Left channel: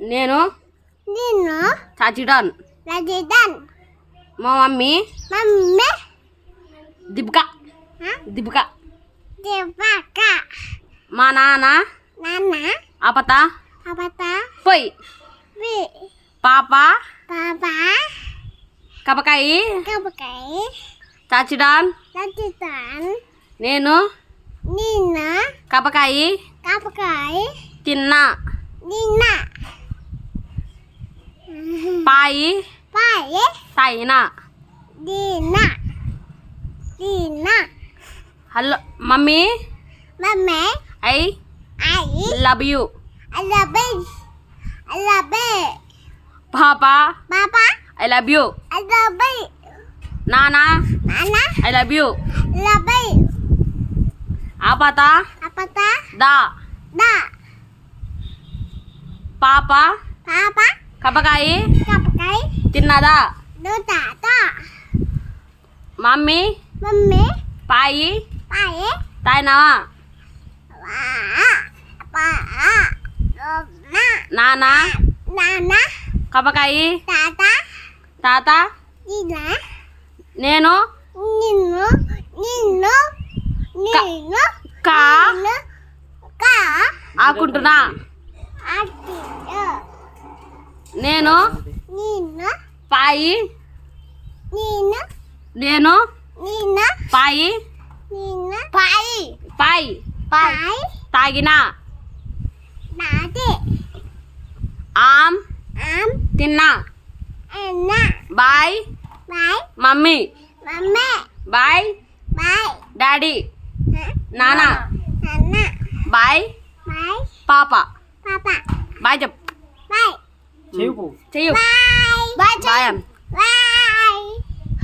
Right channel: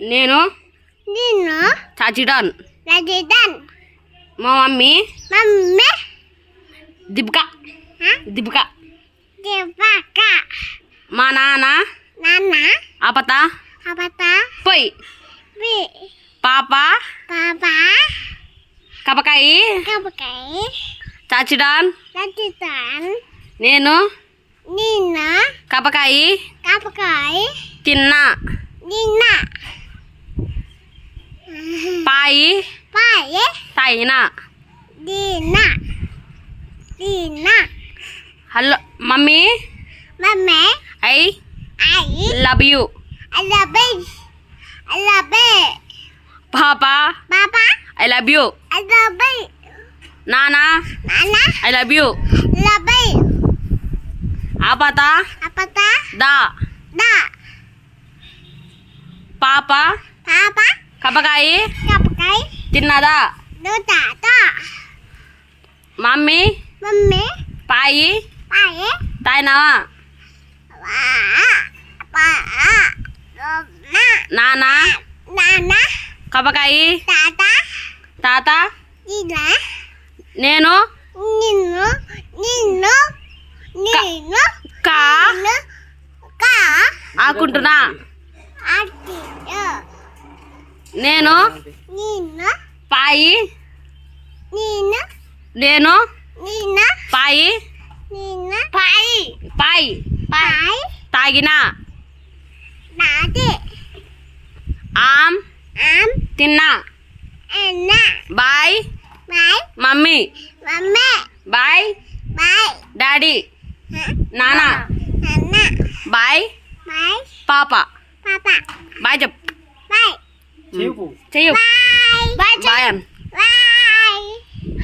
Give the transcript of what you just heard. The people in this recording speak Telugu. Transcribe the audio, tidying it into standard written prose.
నేను చాచిడాన్. మా మమ్మీ దీపిక. మా నాన్న ఆపత పోయి. పాప కపకాయి చాచిడాన్. నేను కపకాయి తిన్నా. పాయి తాయినా. Hello mummy, I love you. పాపా ఐ లవ్ యూ. నానా ఐ లవ్ యూ. ఆపత దా. పాప కపకాయి తిన్నదా. మమ్మీ పాయి తాయినా. నానా కపకాయి తాత. నేను కా ఆకుంటున్నా. నేను పాయి నేను పాయి తాగిన. ఆమ్ తిన్నా. Bye mummy. Bye daddy. నానా బాయ్ పాప. బాయ్ చెప్పు. చెయ్యు బాయ్.